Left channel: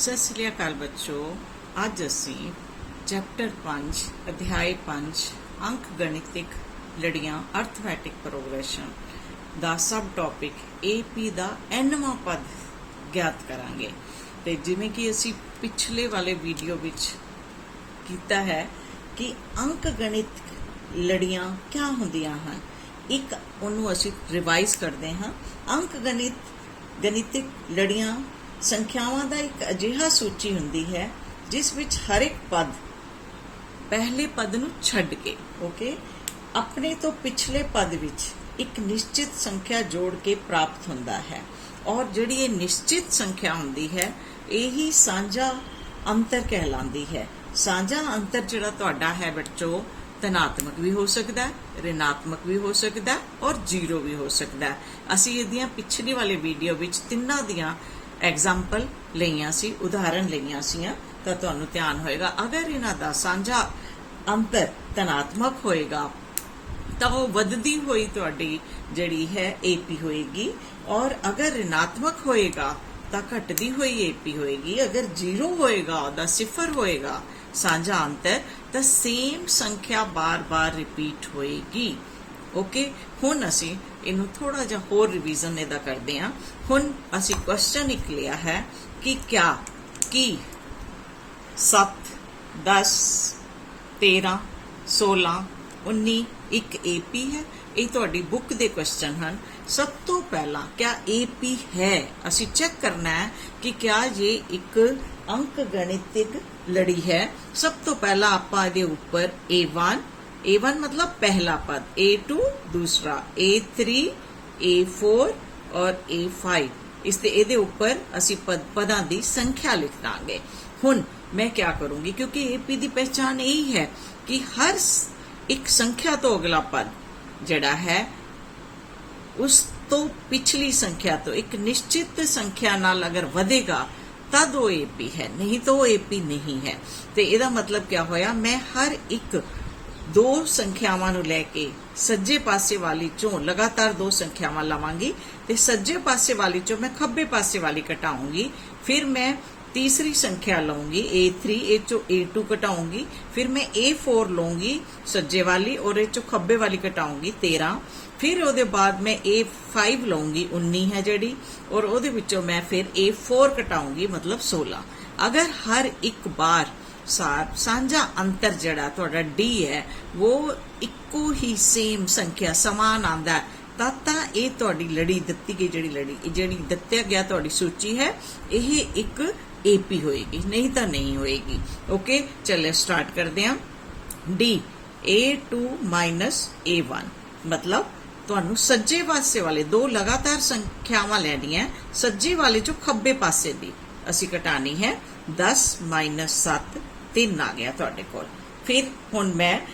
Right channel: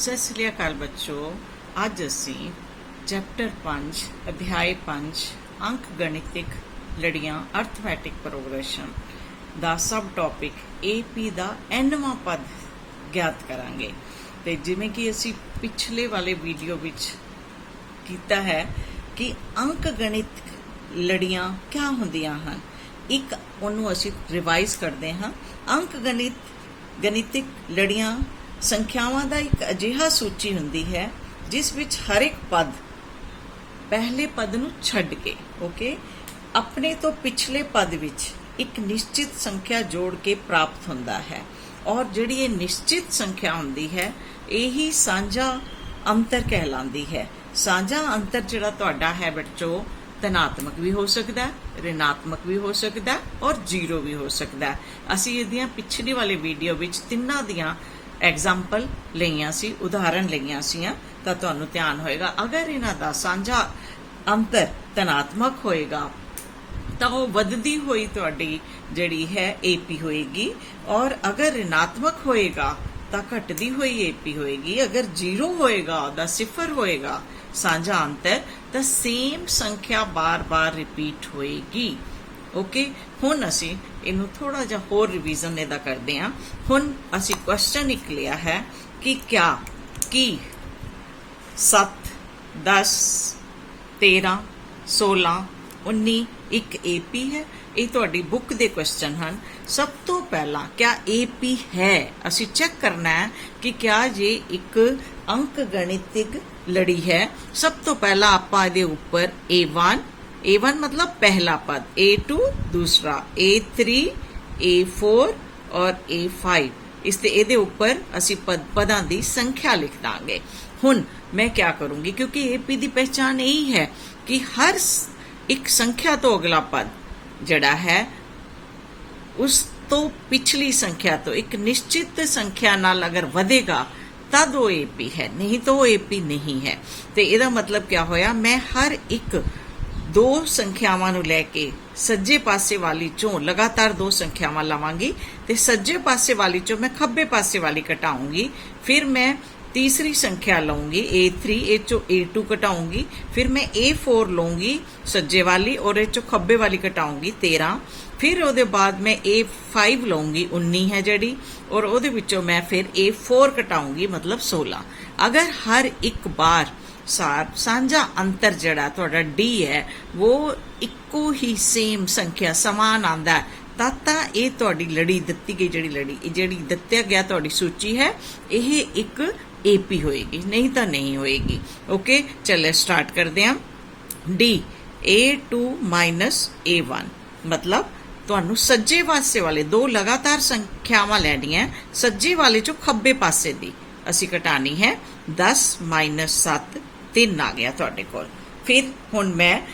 सत श्री अकाल बच्चों, अज असी चैप्टर 5 अध्याय 5 अंक गणितिक लड़ियां अर्थमैटिक प्रोग्रेशन दा सब टॉपिक AP दा एनवां पद ज्ञात करांगे। ते जिवें कि असी पिछले वाले वीडियो विच कीता है कि अंक गणित लड़ियां क्या हुंदियां हन। एक उन्होंने असी रिवाइज करते हैं। अंक गणितिक लड़ियां संख्यावां दा एक अजिहा सूची हुंदी है जिस विच हर एक पद पहले पद नूं छड्ड के अपने तो पिछले पद विच एक निश्चित संख्या जोड़ के प्राप्त हुंदा है। और जिहड़ी ये निश्चित संख्या हुंदी है यही सांझा अंतर कहलांदी है। सांझा अंतर जिहड़ा तुहाडा है बच्चों धनात्मक भी हो सकता है, ऋणात्मक भी हो सकता है और जीरो भी हो सकता है। असी इहदियां पिछली वाले वीडियो विच तिन्नां दियां एग्जाम्पल लईआं सी, उदाहरण लईआं सीआं, तां तुहानूं ध्यान होएगा। अगर इन्हां दा सांझा अंतर धनात्मक होएगा तां वो वधदी होई तुहाडी जिहड़ी है AP होएगी, और अगर ऋणात्मक होएगा तां घटदी होई AP होएगी। अगर जीरो होएगा ओहदा सिफर होएगा सांझा अंतर तां सेम संख्या बार बार रिपीट होएगी। हुण असी इनू थोड़ा जा होर रिवीजन इहदा करदे हां। हुण असी क्वेश्चन एक लिया है कि क्या कि 7 10 13 16 19 एक AP है। ये तुहाडी बुक दे क्वेश्चन हैं। सब तो पहला क्या AP है, असी चेक करना है कि क्या ये एक अंक गणितिक लड़ी है। सब तो पहला आपां इहदे उपर A1 मतलब पहला पद, A2 दूसरा, A3 A4 और A5 इसते इहदे उपर असी पदां दी संख्या लिख दांगे। हुण मैं क्या करूंगी, क्योंकि AP दी पहचान यही है कि हर एक संख्या तो अगला पद जड़ा है उस तो पिछली संख्या तो एक निश्चित संख्या नाल अगर वधेगा तद वो AP है, नहीं तो वो AP नहीं है। तो इहदा मतलब क्या होया, मैं हर एक दो संख्यावां नूं लैके सज्जे पासे वाली चों लगातार दो संख्यावां लवांगी ते सज्जे पासे वाली चों मैं खब्बे पासे वाली घटाऊंगी। फिर मैं तीसरी संख्या लूंगी A3, ए चो A2 घटाऊंगी। फिर मैं A4 लूंगी सज्जे वाली और ए चो खब्बे वाली घटाऊंगी 13। फिर ओदे बाद मैं A5 लूंगी 19 है जड़ी, और ओदे विचों मैं फिर A4 घटाऊंगी मतलब 16। अगर हर एक बार सांझा अंतर जड़ा तुहाडा D है वो इक्को ही सेम संख्या समान आंदा है ताता ये तुहाडी लड़ी दत्ती गई जिहड़ी दत्तिया गया तुहाडी सूची है यह एक AP होएगी, नहीं तो नहीं होएगी। चलिए स्टार्ट करते हैं। D A2 माइनस A1 मतलब तुहानू सज्जे पासे वाले दो लगातार संख्यावां लैणियां, सज्जे वाले चों खब्बे पासे दी असी घटानी है। 10 माइनस 7 3 आ गया तुहाडे कोल। फिर हुण मैं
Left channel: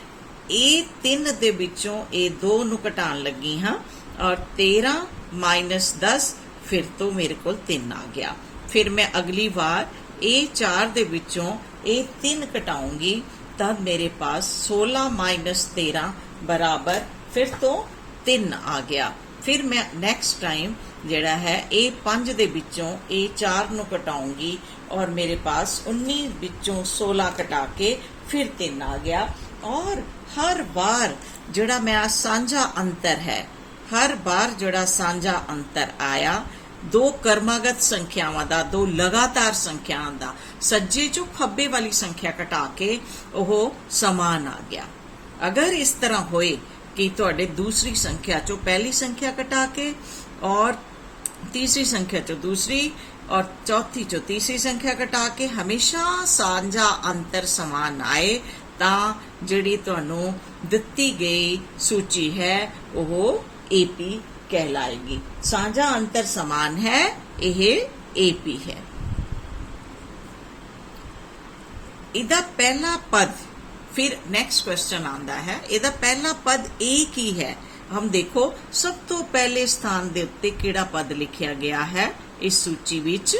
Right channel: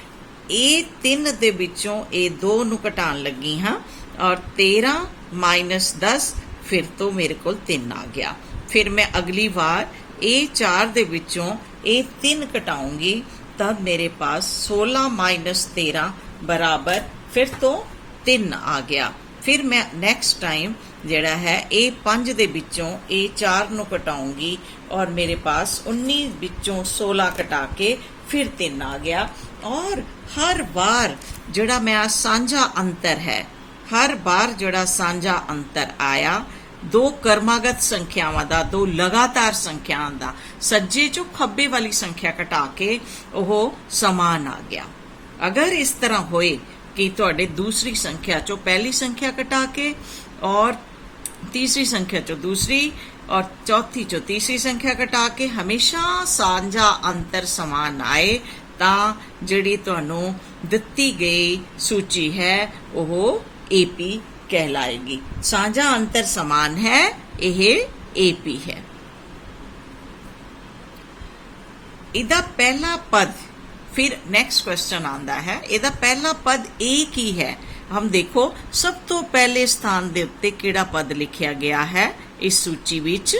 A3 दे विचों A2 नू घटाण लगी हाँ, और 13 माइनस 10 फिर तो मेरे कोल 3 आ गया। फिर मैं अगली बार A4 दे विचों A3 घटाऊंगी तब मेरे पास 16 माइनस 13 बराबर फिर तो 3 आ गया। फिर मैं नेक्स्ट टाइम जड़ा है A5 दे विचों A4 नू घटाऊंगी और मेरे पास 19 विचों 16 घटा के फिर 3 आ गया। और हर बार जड़ा मैं सांझा अंतर है, हर बार जड़ा सांझा अंतर आया दो कर्मागत संख्यावां दा, दो लगातार संख्यावां दा, सज्जे चों खब्बे वाली संख्या घटा के ओह समान आ गया। अगर इस तरह होए कि तुहाडे दूसरी संख्या चों पहली संख्या घटा के और तीसरी संख्या चों दूसरी और चौथी चों तीसरी संख्या घटा के हमेशा सांझा अंतर समान आए तां जिहड़ी तुहानूं दित्ती गई सूची है ओह AP कहलाएगी। सांझा अंतर समान है, यह AP है। इहदा पहला पद, फिर नेक्स्ट क्वेश्चन आंदा है, इहदा पहला पद A की है। हम देखो सब तो पहले स्थान दे उत्ते किहड़ा पद लिखिया गया है इस सूची विच,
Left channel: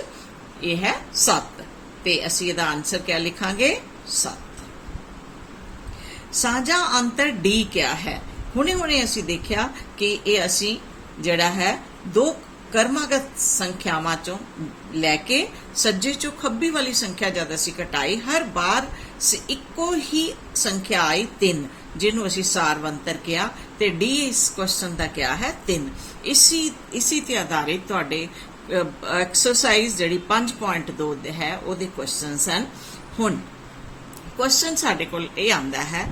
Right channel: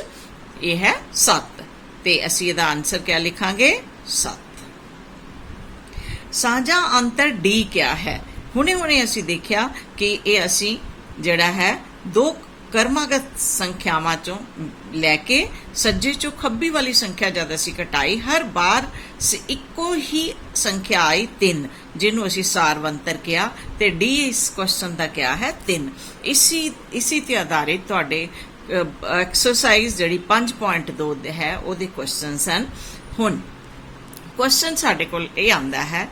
यह है 7। ते असीं इहदा आंसर क्या लिखांगे 7। सांझा अंतर D क्या है। हुणे हुणे असीं देखिया कि ये असीं जड़ा है दो ਕਰਮਾਗਤ ਸੰਖਿਆਵਾਂ ਚੋਂ ਲੈ ਕੇ ਸੱਜੇ ਚੋਂ ਖੱਬੀ ਵਾਲੀ ਸੰਖਿਆ ਜਦ ਅਸੀਂ ਘਟਾਈ, ਹਰ ਬਾਰ ਇੱਕੋ ਹੀ ਸੰਖਿਆ ਆਈ 3, ਜਿਹਨੂੰ ਅਸੀਂ ਸਾਰਵੰਤਰ ਕਿਹਾ, ਤੇ ਡੀ ਇਸ ਕੁਐਸਚਨ ਦਾ ਕਿਹਾ ਹੈ 3। ਇसी ਤੇ ਆਧਾਰਿਤ ਤੁਹਾਡੇ ਐਕਸਰਸਾਈਜ਼ ਜਿਹੜੀ 5.2 ਹੈ ਉਹਦੇ ਕੁਐਸਚਨਸ ਹਨ। ਹੁਣ ਕੁਐਸਚਨ ਸਾਡੇ ਕੋਲ ਇਹ ਆਂਦਾ ਹੈ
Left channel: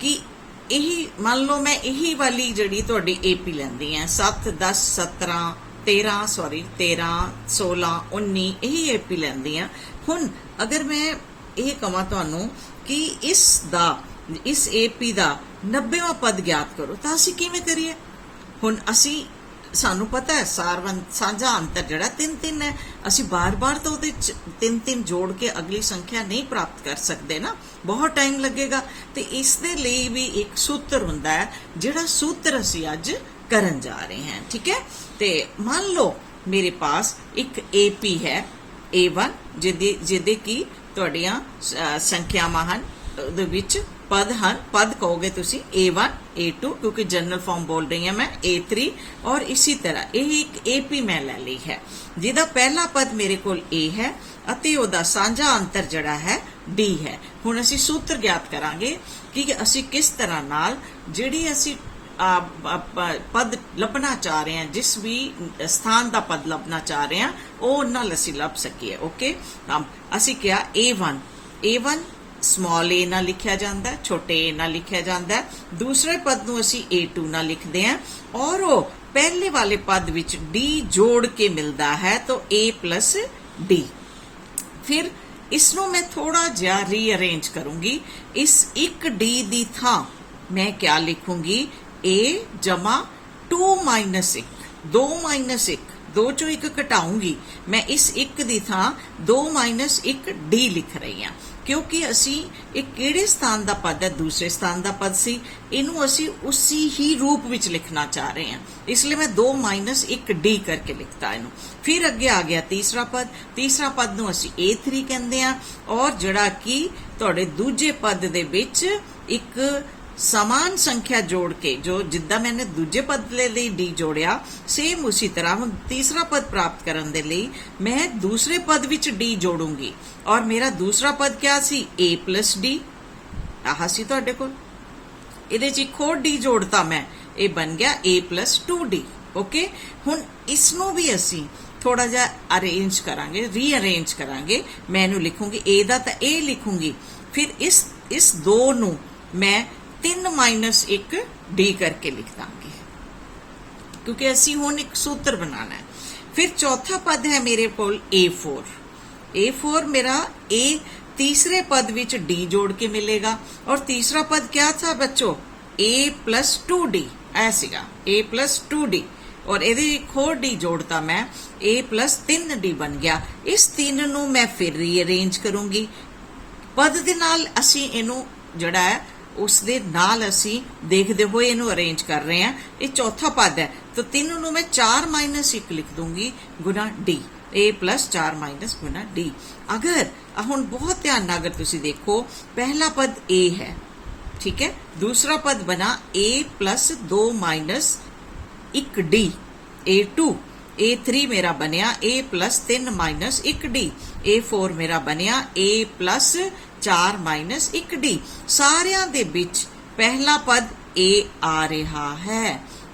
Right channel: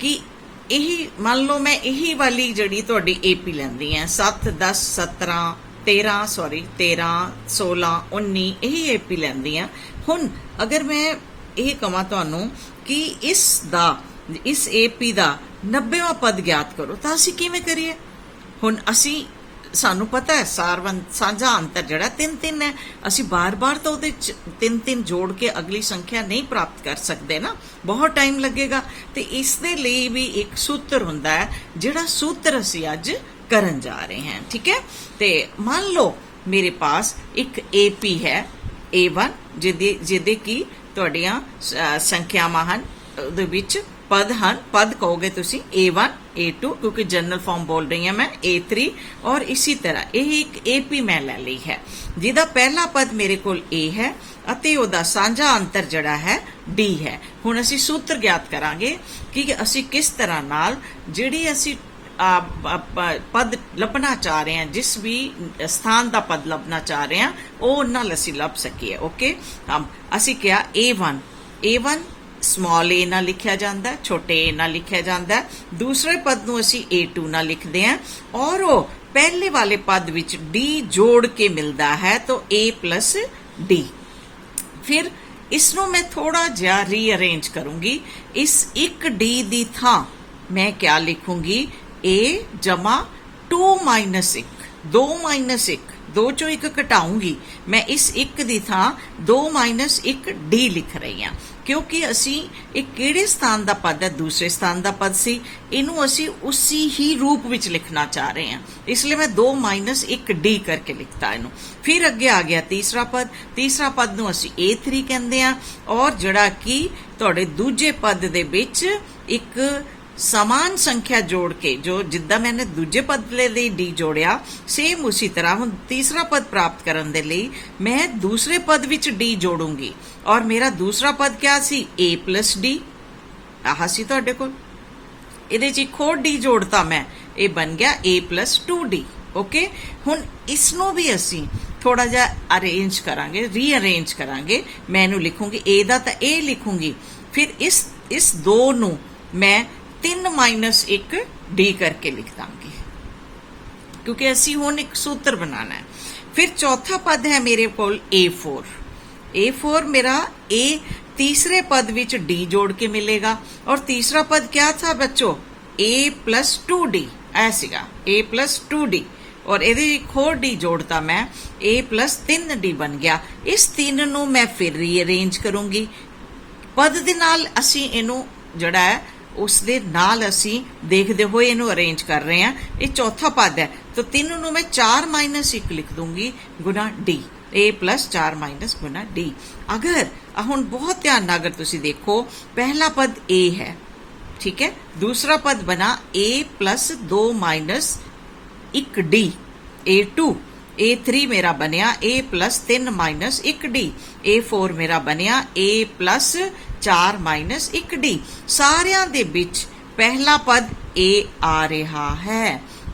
ਕਿ ਇਹੀ ਮੰਨ ਲਓ ਮੈਂ ਇਹੀ ਵਾਲੀ ਜਿਹੜੀ ਤੁਹਾਡੀ ਏਪੀ ਲੈਂਦੀ ਹੈ 7 10 17 13 16 19 ਇਹੀ ਏਪੀ ਲੈਂਦੀ ਆ। ਹੁਣ ਅਗਰ ਮੈਂ ਇਹ ਕਹਾਂ ਤੁਹਾਨੂੰ ਕਿ ਇਸ ਏਪੀ ਦਾ 90ਵਾਂ ਪਦ ਗਿਆਤ ਕਰੋ ਤਾਂ ਅਸੀਂ ਕਿਵੇਂ ਕਰੀਏ? ਹੁਣ ਸਾਨੂੰ ਪਤਾ ਹੈ ਸਾਂਝਾ ਅੰਤਰ ਜਿਹੜਾ 3-3 ਹੈ, ਅਸੀਂ ਬਾਰ-ਬਾਰ ਤਾਂ ਉਹਦੇ 3-3 ਜੋੜ ਕੇ ਅਗਲੀ ਸੰਖਿਆ ਨਹੀਂ ਪ੍ਰਾਪਤ ਕਰ ਸਕਦੇ ਨਾ, ਬਹੁਤ ਟਾਈਮ ਲੱਗੇਗਾ। ਤੇ ਇਸ ਦੇ ਲਈ ਵੀ ਇੱਕ ਸੂਤਰ ਹੁੰਦਾ ਹੈ, ਜਿਹੜਾ ਸੂਤਰ ਅਸੀਂ ਅੱਜ ਕਰਨ ਜਾ ਰਹੇ ਹਾਂ। ਠੀਕ ਹੈ, ਤੇ ਮੰਨ ਲਓ ਮੇਰੇ ਪਾਸ ਇੱਕ ਏਪੀ ਹੈ A1 ਜਿਹਦੇ ਕੀ ਤੁਹਾਡੀਆਂ ਸੰਖਿਆਵਾਂ ਹਨ, ਉਹਦੇ ਵਿੱਚ ਪਦ ਹਨ। ਪਦ ਕਹੋਗੇ ਤੁਸੀਂ A1 A2 क्योंकि जनरल फॉर्म बोल रही हूं मैं, A3 और इसी तरह ਇਹ ਇੱਕ AP ਮੈਂ ਲੈ ਲਈ ਹੈ ਜਿਹਦਾ ਪਹਿਲਾ ਪਦ ਮੇਰੇ ਕੋਲ A ਹੈ ਅਤੇ ਉਹਦਾ ਸਾਂਝਾ ਅੰਤਰ ਜਿਹੜਾ ਹੈ D ਹੈ। ਹੁਣ ਅਸੀਂ ਸੂਤਰ ਗਿਆਤ ਕਰਾਂਗੇ ਕਿ ਅਸੀਂ ਕਿਸ ਤਰ੍ਹਾਂ ਨਾਲ ਜਿਹੜੀ ਅਸੀਂ ਪਦ ਲੱਭਣਾ ਚਾਹ ਰਹੇ ਹਾਂ, ਜਿਸ ਵੀ ਸਥਾਨ ਦਾ ਪਦ ਲੱਭਣਾ ਚਾਹ ਰਹੇ ਹਾਂ ਉਹ ਨਾਲ ਅਸੀਂ ਲੱਭ ਸਕੀਏ। ਓਕੇ, ਅਸੀਂ ਕਿਹਾ A1 स्मॉल ए ਨਾਲ ਲਿਖਿਆ ਜਾਂਦਾ ਹੈ, ਛੋਟੇ a ਨਾਲ ਲਿਖਿਆ ਜਾਂਦਾ ਹੈ। ਦੂਸਰੇ ਪਦ ਨੂੰ ਅਸੀਂ A2 ਨਾਲ ਲਿਖਦੇ ਹਾਂ ਔਰ ਉਹ ਪਹਿਲੇ ਵਾਲੇ ਪਦ ਵਿੱਚ D ਜੋੜ ਕੇ ਮਿਲਦਾ ਹੈ ਤਾਂ A plus D। ਫਿਰ ਇਸ ਨੂੰ ਮੈਂ ਥੋੜਾ ਜਿਹਾ ਰੀਅਰੇਂਜ ਕਰੂੰਗੀ। ਇਸ ਇੱਕ D ਦੀ ਥਾਂ ਮੈਂ ਕਿਆ ਲਿਖੂੰਗੀ A ਜਮਾ 2 minus 1, 2 minus 1, 2 ਚੋਂ 1 ਘਟਾਉਂਗੀ। ਮੈਂ ਇਸ 1 ਦੀ ਥਾਂ 2 minus 1 D ਲਿਖ ਰਹੀ ਹਾਂ क्योंकि असी एक किहड़े स्थान का पद है, दूसरे स्थान का पद सी, इनू असी उसी ही रूप विच लिखना चाह रहे हैं, इसलिए मैं 2 minus 1 D करके लिखता इनू। फिर अगे आ गया तीसरा पद नू असी A3 कहंदे आ और जिहड़ा कि तुहाडे दूजे पद दे विच एक समान संख्या जोड़ के, जो जिद्दां मैंने दूजे पद ले D जोड़िया, सेम उसी तरह हुण तीसरा पद प्राप्त करने दे लई मैं दूसरे पद विच D जोड़ूंगी और मेरा दूसरा पद क्या सी A plus D। आह सी तुहाडे कोल इहदे च एक होर D जोड़ता मैं, ये बन गया A plus 2D। ओके, हुण इसनों भी असी थोड़ा जिहा अरेंज करांगे, रीअरेंज करांगे। मैं इहनूं लिखूंगी A दा तां A लिखूंगी, फिर इस दो नूं मैं 3 minus 1 D करके लिख दांगी क्योंकि असी हुण एक सूत्र बनाना है। फिर चौथा पद है मेरे कोल A4 मेरा A तीसरे पद विच D जोड़ के मिलेगा और तीसरा पद क्या था बच्चों, A plus 2D ऐसीगा, A plus 2D और ਇਹਦੇ ਇੱਕ ਹੋਰ D जोड़ता मैं, A plus 3D बन गया। इस 3 ਨੂੰ मैं फिर रीअरेंज करूंगी। पद ਦੇ ਨਾਲ ਅਸੀਂ ਇਹਨੂੰ ਜਿਹੜਾ ਹੈ ਉਸ ਦੇ ਨਾਲ ਅਸੀਂ ਦੇਖਦੇ ਹੋਏ ਇਹਨੂੰ ਅਰੇਂਜ ਕਰ ਰਹੇ ਹਾਂ। ਇਹ ਚੌਥਾ ਪਦ ਹੈ तो 3 ਨੂੰ मैं 4 minus 1 लिख दूंगी गुना D, A plus 4 minus Guna D। अगर ਹੁਣ बहुत ध्यान ਨਾਲ अगर तुसी देखो, पहला पद A है, ठीक है, दूसरा पद बना A plus 2 minus 1 D, A2, A3 मेरा बनया A plus 3 minus 1 D, A4 मेरा बनया A plus 4 minus 1 D। ਸਾਰਿਆਂ ਦੇ ਵਿੱਚ ਪਹਿਲਾ ਪਦ A ਆ ਰਿਹਾ ਹੈ,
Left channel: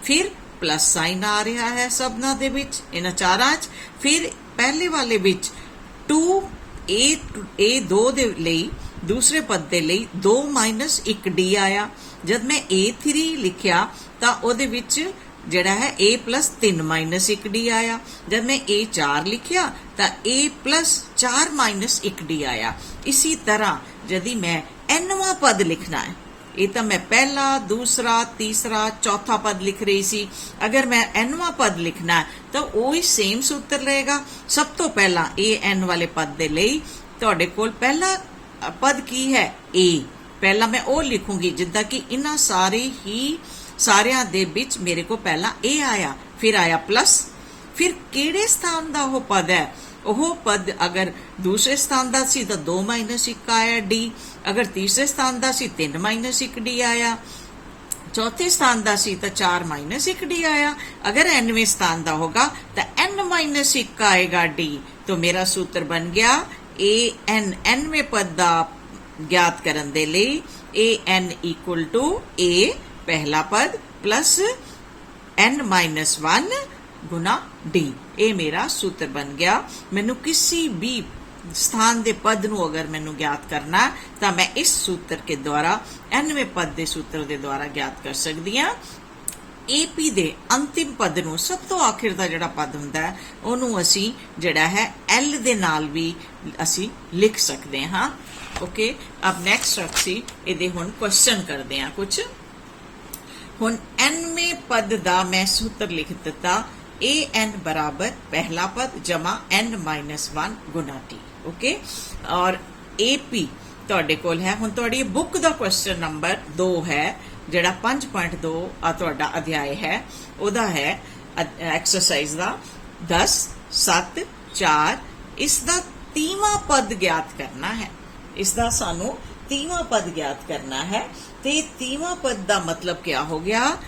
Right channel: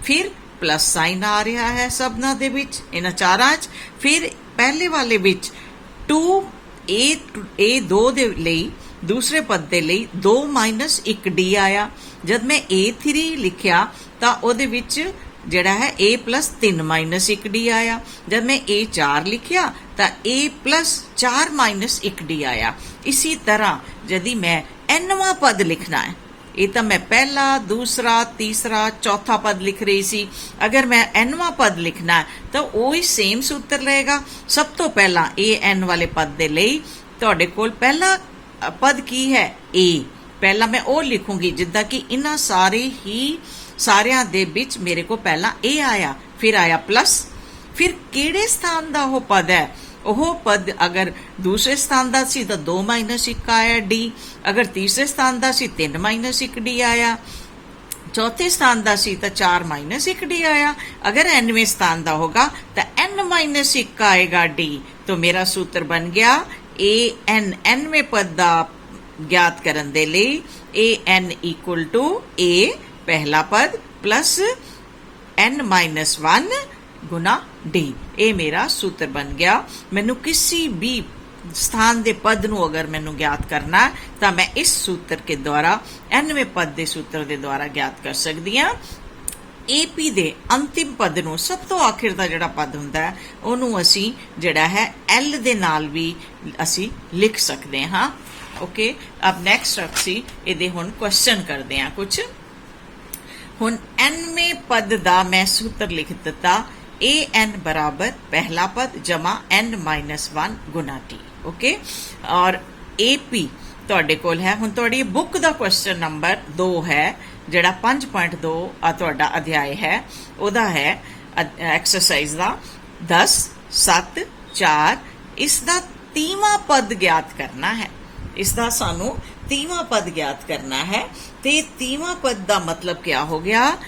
ਫਿਰ प्लस साइन आ रहा है सबना दे विच, इन्हां चारां च। फिर पहले वाले विच 2 दे लई, दूसरे पद दे लई 2 minus 1 D आया। जब मैं A3 लिखिया तां ओदे विच जिहड़ा है A plus 3 minus 1 D आया। जब मैं A4 लिखिया तां A plus 4 minus 1 D आया। इसी तरह यदि मैं nवां पद लिखना है, ये तो मैं पहला, दूसरा, तीसरा, चौथा पद लिख रही सी, अगर मैं nवां पद लिखना है तो वही सेम सूत्र रहेगा। सब तो पहला n वाले पद दे लई तुहाडे कोल पहला पद की है A, पहला मैं वो लिखूंगी जिद्दां कि इन्हां सारियां दे विच मेरे को पहला A आया, फिर आया प्लस, फिर किहड़े स्थान दा वो पद है, ਉਹ ਪਦ अगर दूसरे स्थान ਦਾ ਸੀ ਤਾਂ 2 minus 1 ਆਇਆ D, अगर तीसरे स्थान ਦਾ ਸੀ 3 minus 1 D आया। चौथे स्थान का सी तो 4 माइनस 1 डी आया। अगर nवें स्थान का होगा तो n माइनस 1 आएगा डी। तो मेरा सूत्र बन गया ए एन nवें पद का ज्ञात करने दे लई ए एन इक्वल टू ए पहला पद प्लस n माइनस 1 गुना डी। ये मेरा सूत्र बन गया। मैनू किसी भी स्थान के पद नूं अगर मैनू ज्ञात करना तो मैं इस सूत्र के द्वारा nवें पद के सूत्र के द्वारा ज्ञात कर सकती हाँ। एपी दे अंतिम पद नूं सब तो आखिर का जिहड़ा पद हुंदा है उहनूं असीं जिहड़ा है एल दे नाल भी असीं लिख सकते हाँ। ओके, अब नेक्स्ट असीं इहदे हुण क्वेश्चन करते हैं कुछ। हुण nवें पद का मैं सूत्र लिख दिता ए एन बराबर पहला पद जमा n माइनस 1 गुना टी। ओके, और ए पी तुहाडे कोल है। हुण तुहाडी बुक का क्वेश्चन नंबर 2 है जिहड़ा 5.2 तुहाडा अध्याय है उहदा है एक्सरसाइज का 10 7 4। इसका 3वां पद ज्ञात करना है। इसका सानू 3वां पद ज्ञात करना है। ते 3वां पद का मतलब क्या हो गया?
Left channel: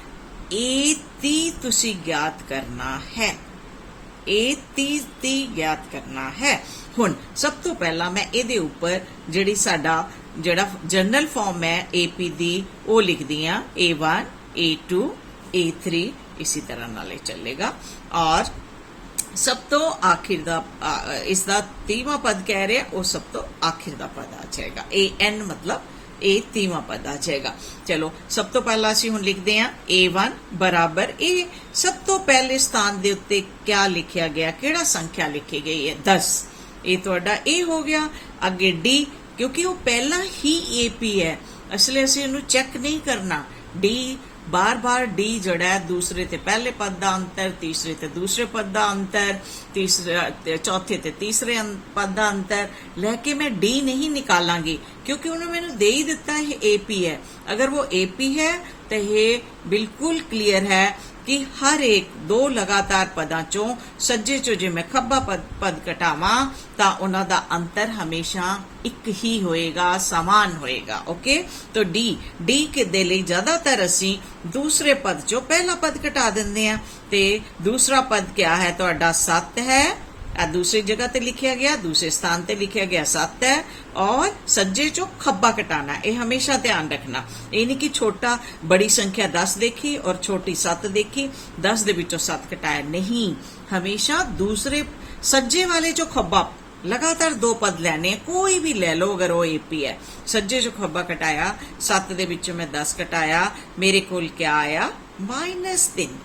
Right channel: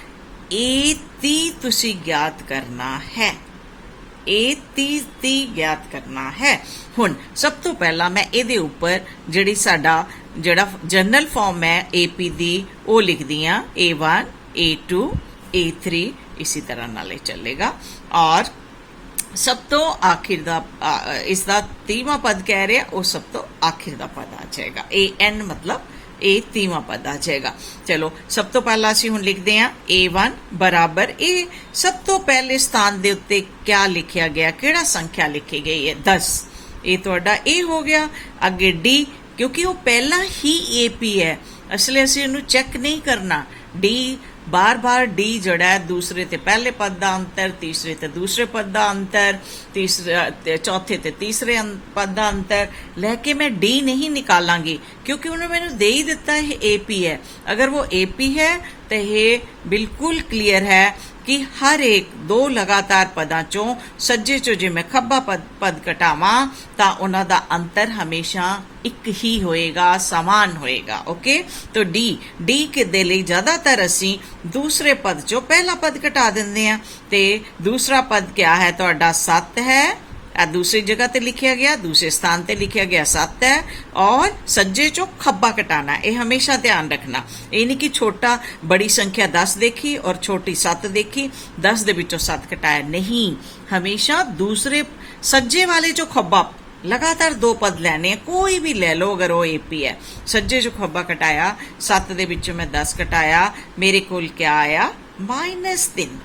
ए 30 तुसी ज्ञात करना है। ए 30 ज्ञात करना है। हुण सब तो पहला मैं इहदे उपर जिहड़ी साडा जिहड़ा जनरल फॉर्म है एपी दी वो लिख दियां A1 A2 A3 इसी तरह नाले चलेगा। और सब तो आखिर दा इसका 3वां पद कह रहे वो सब तो आखिर दा पद आ जाएगा। AN मतलब ए 3वां पद आ जाएगा। चलो सब तो पहला असीं हुण लिखते हैं A1 बराबर ए। सब तो पहले स्थान दे उत्ते क्या लिखिया गया, केड़ा संख्या लिखी गई है? 10। ये तुहाडा ए हो गया। अगे डी, क्योंकि वो पहला ही एपी है इसलिए असीं इहनूं चेक नहीं करना। डी बार बार डी जड़ा है दूसरे ते पहले पद का अंतर, तीसरे ते दूसरे पद का अंतर, तीसरे चौथे ते तीसरे पद का अंतर लेके मैं डी नहीं निकालांगी क्योंकि उन्होंने मैंने दे ही दिता है एपी है। अगर वो एपी है तो ये बिल्कुल क्लियर है कि हर एक 2 लगातार पदां चों सज्जे चों जे मैं खब्बा पद घटावां तां उन्हां दा अंतर हमेशा एक ही होएगा, समान होएगा। ओके, तो डी के दे लई ज्यादातर असीं दूसरे पद चों पहला पद घटा दिंदे आ ते दूसरा पद क्या है तुहाडा 7 है। दूसरी जगह ते लिखिया गया, दूसरे स्थान ते लिखिया गया 7 है और सज्जे चो खब्बा कटाना। ये हमेशा ध्यान रखना। ये नहीं कि छोटा बड़ी संख्या 10 देखी और छोटी 7 देखी 10 दे विचों 7 कटाया, नहीं। हमेशा दूसरे सज्जे वाले चो खब्बा लगातार 2 पद लेने, कोई भी ले लो अगर वो एपी है। सज्जे चो खब्बा कटाया 7 दे विचों मैं 10 कटाया, मेरे कोल क्या आया? -3।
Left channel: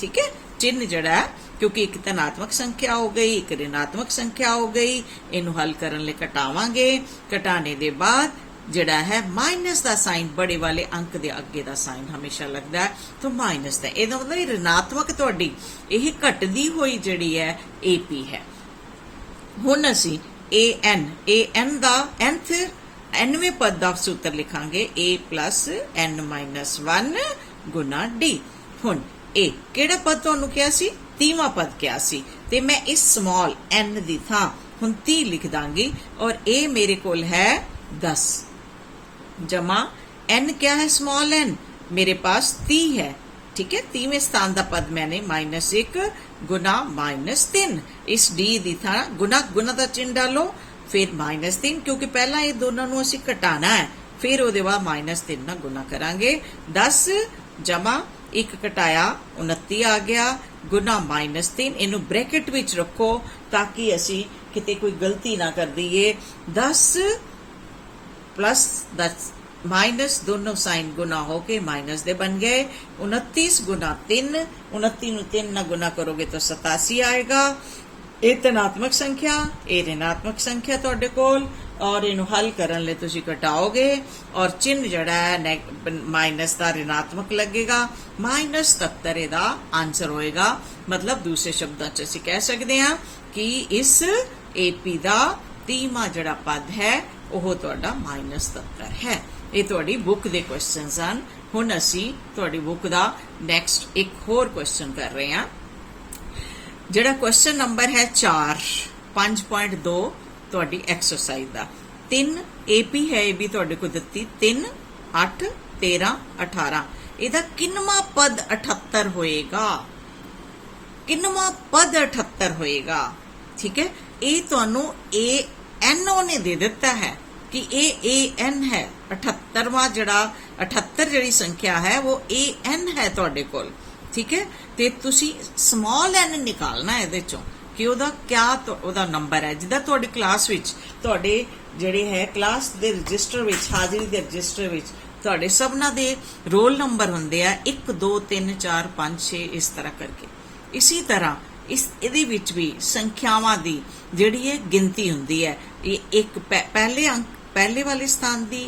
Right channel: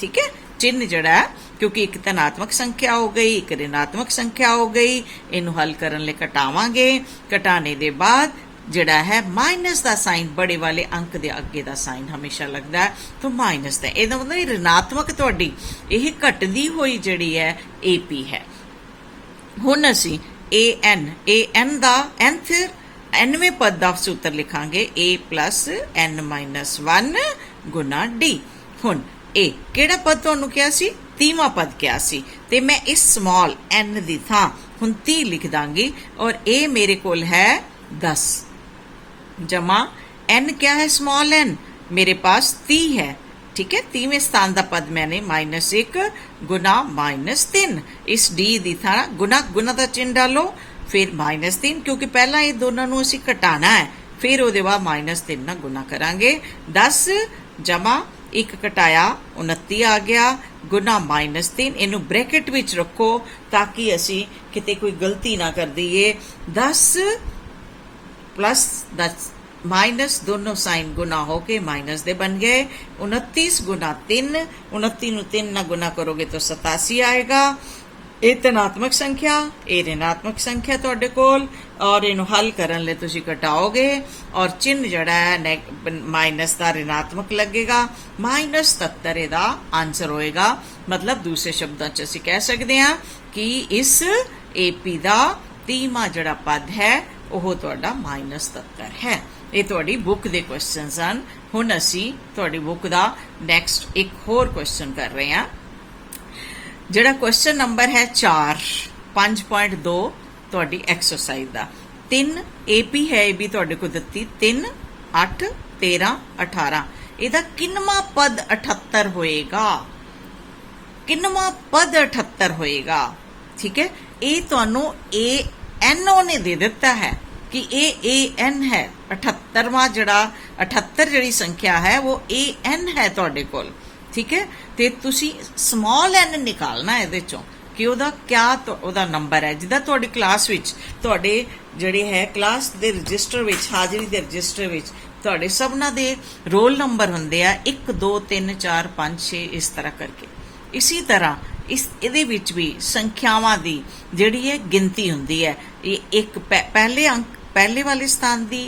ठीक है, चिन्ह जड़ा क्योंकि एक धनात्मक संख्या हो गई एक ऋणात्मक संख्या हो गई, इनू हल करने लिए घटावांगे। घटाने के बाद जड़ा है माइनस का साइन बड़े वाले अंक के अगे का साइन हमेशा लगता है तो माइनस का, ਇਹਦਾ मतलब ऋणात्मक तुहाडी ਇਹ घटदी हुई जड़ी है एपी है। हुण असीं एन का nवें पद का सूत्र लिखांगे a plus n minus 1 Guna D. हुण ए केड़ा पद तुहानू क्या सी? 3वां पद क्या सी? ते मैं इस स्मॉल n दी थां हुण 30 लिख दांगी और ए मेरे कोल है 10 जमा n क्या है? स्मॉल n मेरे पास 30 है। ठीक है, 30वें स्थान का पद मैंने -1 गुना -3। इस डी दी थां गुना का चिन्ह डालो फिर -3 क्योंकि पहला ये दोनों नू असीं घटाना है फिर उहदे बाद -3 नाल गुना करांगे। 10 जमा 1 घटाया 29 आ गया गुना -3। इनू ब्रैकेट विच रखो ताकि असी किते कोई गलती ना कर दीए। 10 प्लस 10 माइनस दोनों साइन गुना होके माइनस दे बन गए। 29 गुना 3, 29 नू 3 ना गुना करोगे तो 87 आएगा। ਇਹ ਧਨਾਤਮਕ संख्या ਇਹ ऋणात्मक संख्या ਤੁਹਾਡੇ ਕੋਲ और इनू हल करने लिए तुसी घटाओगे और चिन्ह जड़ा है माइनस का ऋणात्मक लगेगा। -77 ਇਹਦਾ आंसर होएगा। मतलब दूसरे शब्दों च ਅਸੀਂ कह सकते हैं कि इस एपी का 3वां जड़ा पद है ਉਹ ਤੁਹਾਡਾ -77 है। ਇਹ ਤੁਹਾਡੀ बुक के क्वेश्चन ਹਨ। ਹੁਣ ਅਸੀਂ ਤੁਹਾਡੀ बुक का नैक्सट एक होर क्वेश्चन कर रहे हैं। ਜਿਹੜਾ क्वेश्चन नंबर है 4 5.2 ਤੁਹਾਡੀ एक्सरसाइज ਦਾ 3 एपी है ए भी ਤੁਹਾਡੇ को ਦਿੱਤੀ 3 8 13 18। ਇਹਦਾ ਕਿੰਨਵਾਂ ਪਦ 78 ਹੋਏਗਾ, ਕਿੰਨਵਾਂ ਪਦ 78 ਹੋਏਗਾ। ठीक है, ये ਤੁਹਾਨੂੰ ANO ने दे दिता है कि ये AN है 78वां जड़ा 78 जड़ी संख्या है वो AN है तुहाडे कोल। ठीक है, ते तुसी स्मॉल n निकालना ਇਹਦੇ ਚੋਂ कि ਉਹਦਾ क्या ਉਹਦਾ नंबर है। जिदा ਤੁਹਾਡੀ क्लास विच ਤੁਹਾਡੇ ਜਿਹੜੇ है क्लास ਦੇ रजिस्टर विच हाजिरी ਦੇ रजिस्टर विच ਤੁਹਾਡੇ सबना ਦੇ रोल नंबर ਹੁੰਦੇ ਆ 1 2 3 4 5 6 इस तरह करके। इसी तरह इस ਇਹਦੇ ਵਿੱਚ भी संख्यावां ਦੀ ਜਿਹੜੀ है गिनती ਹੁੰਦੀ है। ਇਹ एक पहले अंक पहले वाले स्थान ਦੀ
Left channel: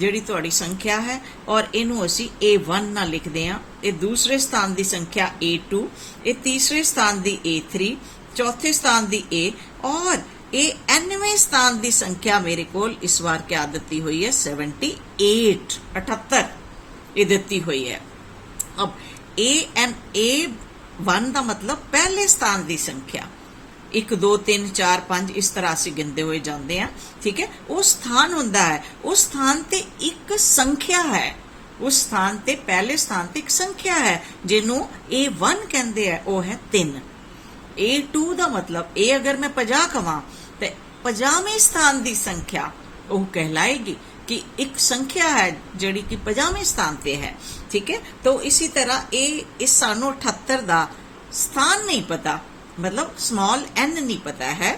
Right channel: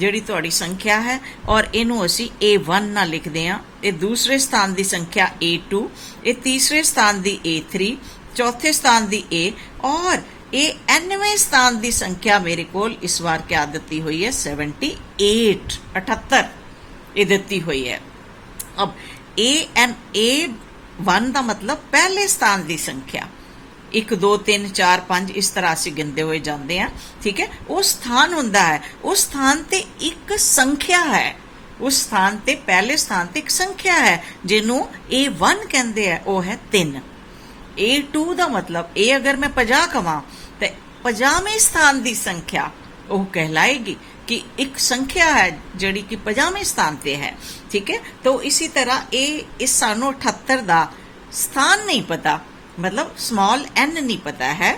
ਜਿਹੜੀ ਤੁਹਾਡੀ संख्या है और ਇਹਨੂੰ ਅਸੀਂ A1 ਨਾਲ ਲਿਖਦੇ ਹਾਂ। ਇਹ दूसरे स्थान ਦੀ संख्या A2, ਇਹ तीसरे स्थान ਦੀ A3, चौथे स्थान दी A और ये 9वें स्थान दी संख्या मेरे कोल इस बार क्या दिती हुई है 78 78 ये दिती हुई है। अब A1 का मतलब पहले स्थान दी संख्या 1 2 3 4 5 इस तरह से गिनते हुए जाते हैं। ठीक है, वो स्थान हुंदा है, उस स्थान ते एक संख्या है, उस स्थान ते पहले स्थान ते एक संख्या है जिन्हों A1 कहते हैं, वो है 3। A2 का मतलब ए अगर मैं 50 कवां तो 50वें स्थान की संख्या वह कहलाएगी कि एक संख्या है जड़ी कि 50वें स्थान पे है। ठीक है, तो इसी तरह इस सानू 78 का स्थान नहीं पता, मतलब स्मॉल n नहीं पता है,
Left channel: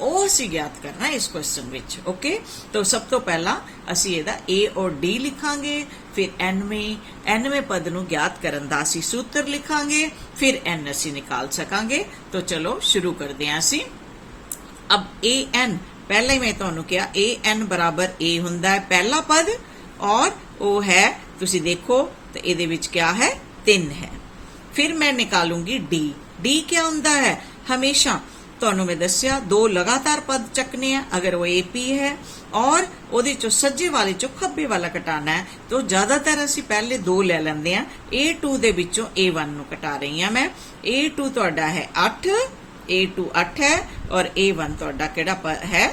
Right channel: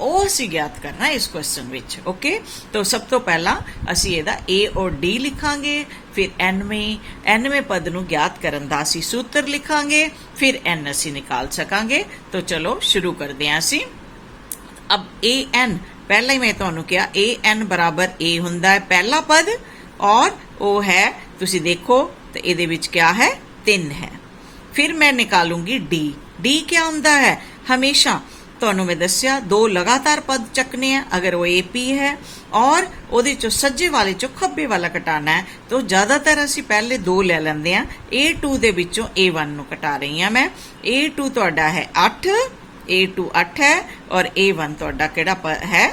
वो असी ज्ञात करना है इस क्वेश्चन विच। ओके, तो सब तो पहला असी इहदा A और D लिखांगे, फिर nवें पद नूं ज्ञात करन दा असी सूत्र लिखांगे, फिर n असी निकाल सकांगे। तो चलो शुरू करदे हां असी। अब AN पहला ही मैं तुहानूं कहा AN बराबर A हुंदा है पहला पद और वो है तुसी देखो तो इहदे विच क्या है 3 है। फिर मैं निकालूंगी D क्या हुंदा है हमेशा तुहानूं मैं दस्सिया 2 लगातार पद चकने हैं अगर वो AP है और ਉਹਦੇ ਚੋਂ सज्जे वाले चों खब्बे वाला कटाना है तो ज्यादातर असी पहले 2 ले लेंदे हैं। A2 दे विचों A1 नूं कटा रही हां मैं। A2 तुहाडा है 8, A2 8 है और A1 तुहाडा किहड़ा है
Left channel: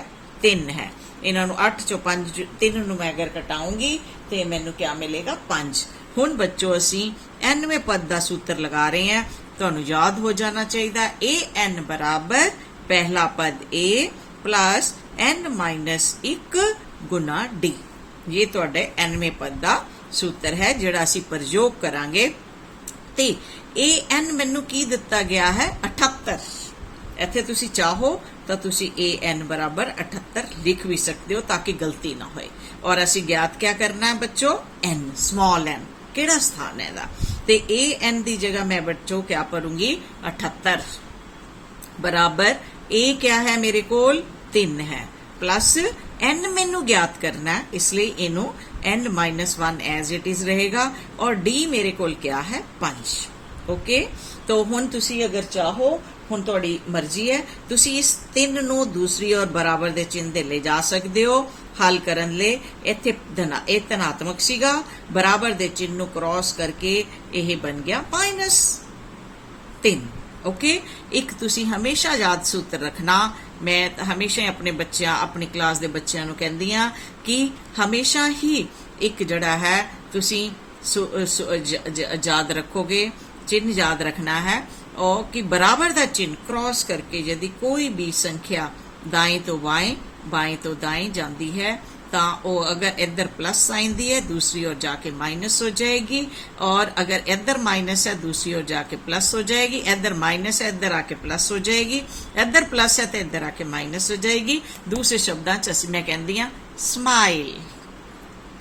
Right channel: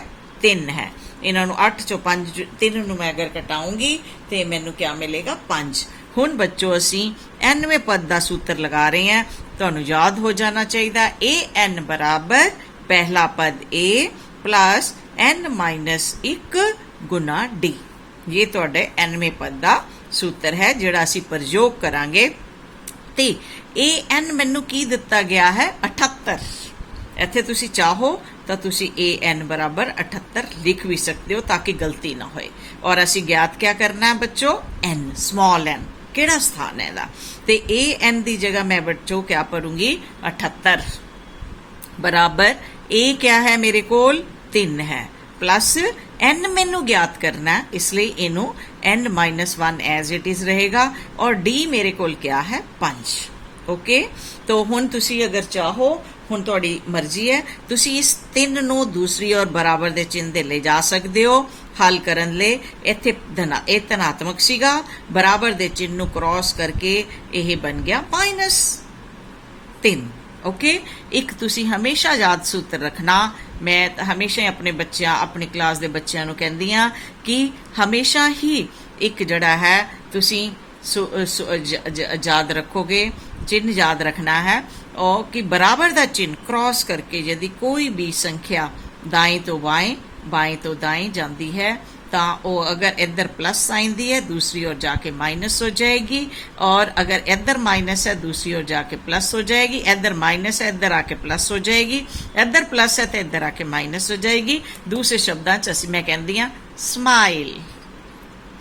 3 है। इन्हां नूं 8 चों 5 3 नूं मैं अगर कटाऊंगी तो मैनूं क्या मिलेगा 5। हुण बच्चों असी 9वें पद का सूत्र लगा रहे हैं, तुहानूं याद हो जाना चाहिए AN बराबर पहला पद A plus n-1 Guna D। ये तुहाडे 9वें पद का सूत्र है जिहड़ा असी प्रयोग करांगे। ते AN मैनूं की दिता गया है 78। इत्थे तुसी चाहो तो तुसी AN बराबर 78 लिख भी सकते हो ताकि गलती ना होए। और असी ज्ञात क्या करना है बच्चों n स्मॉल n केड़ा स्थान है दा ते AN दी जगह मैं बच्चों क्या करूंगी 78 बराबर A क्या है मेरे कोल 3 है प्लस n मैनू ज्ञात करना है इसलिए इनू n-1 एज इट इज रहेगा और D मेरे कोल क्या है 5। ओके, तो हुण तुसी अगर चाहो हुण तुहाडी मर्जी है तुसी इस 3 नू दूसरी और बराबर दे चिन्ह दे ले जा सकते हो हल करन ले। इत्थे धनात्मक सीगा बराबर दे चिन्ह नू क्रॉस करके यह बन गया -3। ओके, एक तुसी हमेशा याद सूत्र रखना। मैं हमेशा अपने बच्चों अपनी क्लास के बच्चों नू कहंदी हां कि हमेशा ही एक जड़ा है तुसी याद रखोगे चिन्ह याद रखना है और कि बराबर का चिन्ह क्रॉस करके यदि कोई भी संख्या दाएं तो बाएं तो दाएं जाती है तो वो अगर इधर प्लस साइन दी है दूसरी ओर जाके माइनस हो जाएगी और अगर इधर माइनस है दूसरी ओर जाके प्लस हो जाएगी, इधर माइनस है इधर आके प्लस हो जाएगी, इधर प्लस है तो इधर आके माइनस हो जाएगी। दूसरे शब्दां च मैं कहंदी हां स्माइल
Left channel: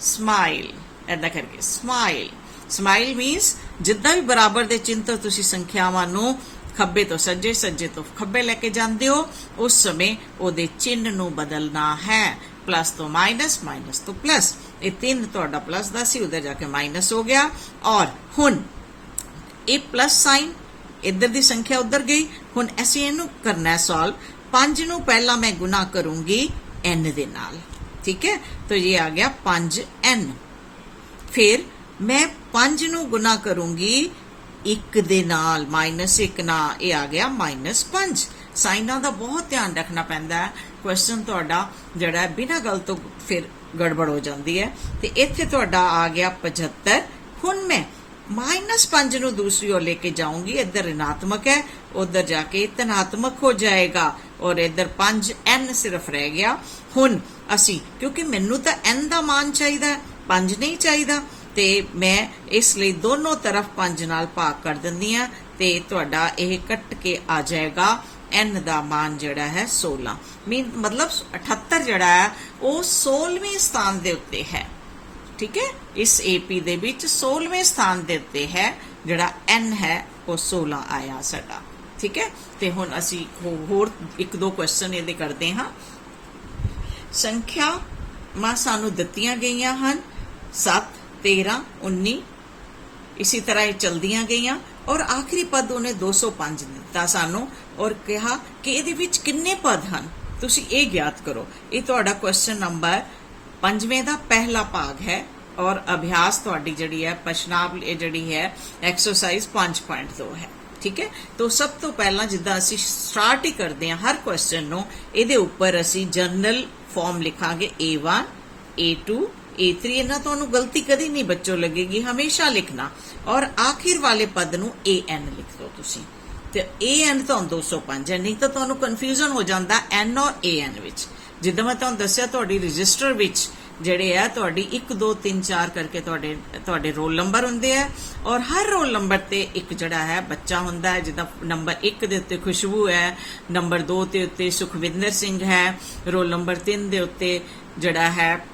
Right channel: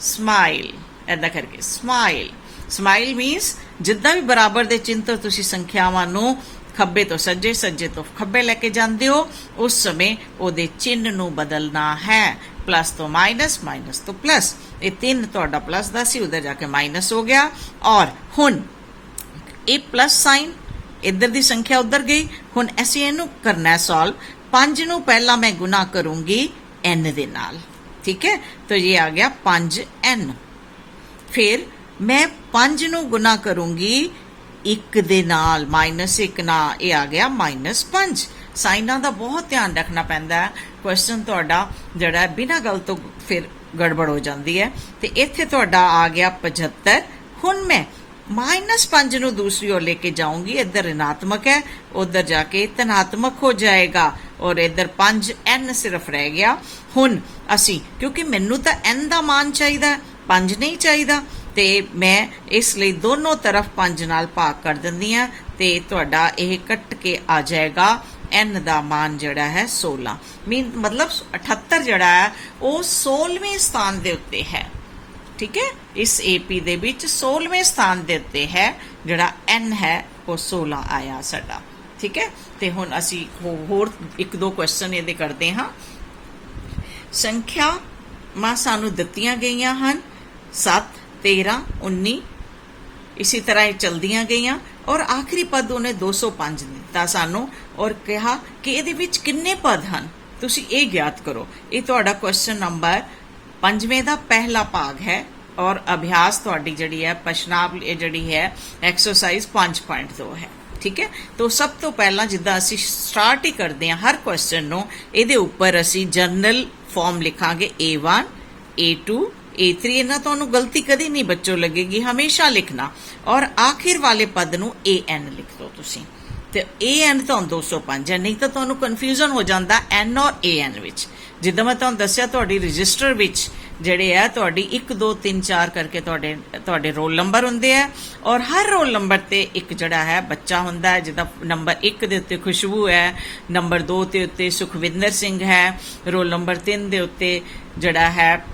स्माइल ऐदा करके स्माइल। स्माइल मीनस जिद्दां भी बराबर दे चिन्ह तो तुसी संख्यावां नूं खब्बे तो सज्जे सज्जे तो खब्बे लेके जांदे हो उस समय ओदे चिन्ह नूं बदलना है। प्लस तो माइनस माइनस तो प्लस, ये 3 तुहाडा प्लस दा सी उधर जाके माइनस हो गया और हुण एक प्लस साइन इधर दी संख्या उधर गई। हुण असीं इहनूं करना है सॉल्व। 5 नूं पहला मैं गुना करूंगी n दे नाल, ठीक है, तो ये आ गया 5n। फिर मैं 5 नूं गुना करूंगी 1 दे नाल -1 ना, ये आ गया -5। साइनां दा बहुत ध्यान रखना पैंदा है, क्वेश्चन तुहाडा जिहड़ा बिना गल तो फिर गड़बड़ हो जाती है। तो इत्थे तुहाडा आ गया 75। हुण मैं -5 ਨੂੰ दूसरी ओर लेके जाऊंगी, इधर ऋणात्मक है, उधर जाके धनात्मक हो जाएगा और इधर 5 n सिर्फ रह गया। हुण असी क्योंकि मैनू तो n का मान चाहिए, 5 नहीं चाहिए, तो मैं इसलिए दोनों तरफ 5 नाल भाग कर दिंदी हां ते तुहाडा यह कट के आ जाएगा n का मान जिहड़ा है 16। मतलब 78 जिहड़ा है वो 16वें स्थान दे उत्ते है। ठीक है, इस AP दे विच 16वें स्थान दे उत्ते है, जिहड़ा n है वो 16 आया साडा। ठीक है, ते हुण असी होर एक दो क्वेश्चन इहदे करदे हां। संख्या मां सानू दित्तियां गईयां हन 7, 13, 19, इसी तरह ये चलदियां गईयां और आखिरी पद उन्हें 205 दिता सानू और कहा कि इहदे विच किन्ने पद हन, तुसी ये ज्ञात करो। ये तुहाडा क्वेश्चन नंबर 5वें का पहला भाग है और अभ्यास तुहाडी जिहड़ी है प्रश्नावली जिहड़ी है एक्सरसाइज 5.2 है। ठीक है, तो सब तो पहला जिद्दां असी स्टार्ट ही करते हैं हर क्वेश्चन नूं, इहदे उपर असी general form लिखांगे A1, A2, A3। इन्हां तुहानूं गलती कदी नहीं बच्चों लगेगी, हमेशा लिखना। और आखिर वाले पद नूं AN लिख दो तुसीं, ते AN तो 205 है, नहीं तो तुहानूं कन्फ्यूजन हो जाता N और AN विच। जिद्दां मैं तुहानूं दस्सिया तुहाडी रजिस्टर विच ਜਿਹੜੇ ਹੈ ਤੁਹਾਡੀ 1 2 3 4 ਕਰਕੇ ਤੁਹਾਡੇ ਰੋਲ ਨੰਬਰ ਹੁੰਦੇ ਆ ਔਰ ਹਰ ਰੋਲ ਨੰਬਰ ਤੇ ਇੱਕ ਜਿਹੜਾ ਹੈ ਬੱਚਾ ਹੁੰਦਾ ਹੈ। ਜਿੱਦਾਂ ਨੰਬਰ 1 ਦੇ ਉੱਤੇ ਖੁਸ਼ਬੂ ਹੈ, ਨੰਬਰ 2 ਦੇ ਉੱਤੇ ਸੁਖਵਿੰਦਰ ਸਿੰਘ ਹੈ, ਰੋਲ ਨੰਬਰ 3 ਦੇ ਉੱਤੇ ਜਿਹੜਾ ਹੈ